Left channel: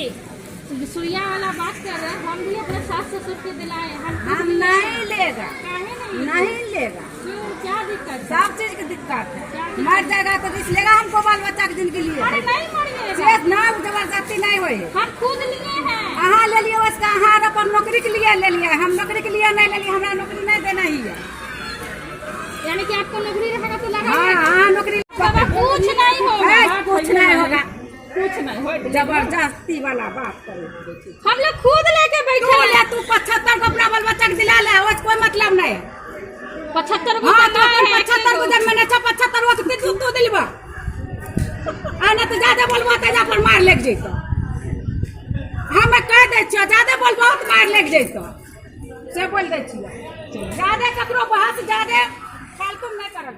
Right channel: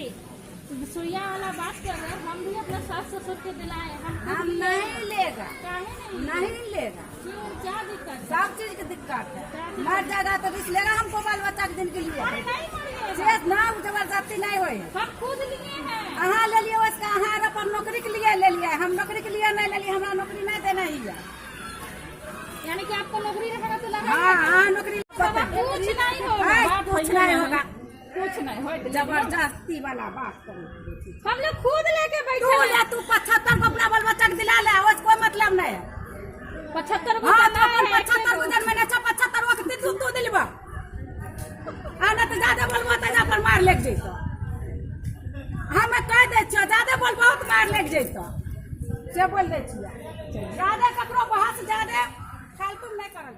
सुइया वाला बात कर रहे हैं, हम भी अपने सास ससुर के दिलाए, हम नहीं लेगा, नहीं लेगा। क्यों, क्या दिक्कत है? सब चीज की दिक्कत है। मर जाएगा तो रिस्क लेगा हमको बाल बच्चा के दिन के लिए। अरे नहीं मरिएगा, ना जबरदस्ती नहीं होई। हम खुद लिए हैं। कहाँ ले लिए उसका? हाँ अपन नौकरी के लिए ले लिया, हम नौकरी के लिए नहीं ले लिया, हमारा नौकरी नहीं देना ही है। यानी कि आपको नौकरी रहेगा तो लगा। हाँ नौकरी कुछ नहीं होगा, कुछ नहीं होगा, कुछ नहीं होगा। जबरदस्ती वाला बात करो। हम लोग खुद लेके बैठे हैं। तू 75 को अपना बाल बच्चा के दिला ले, उसका कोई मतलब नहीं है। 75 को 75 को जब मैंने 75 वो कितने तू दिलवा आना तो ज्यादा बोलबो तो जा पर मार लग जइतो। हमें कह दे छियो ज्यादा बोलबो तो मार लग जइतो से बोल दे छियो। ज्यादा ककरो बहस ज्यादा फालतू नहीं करल।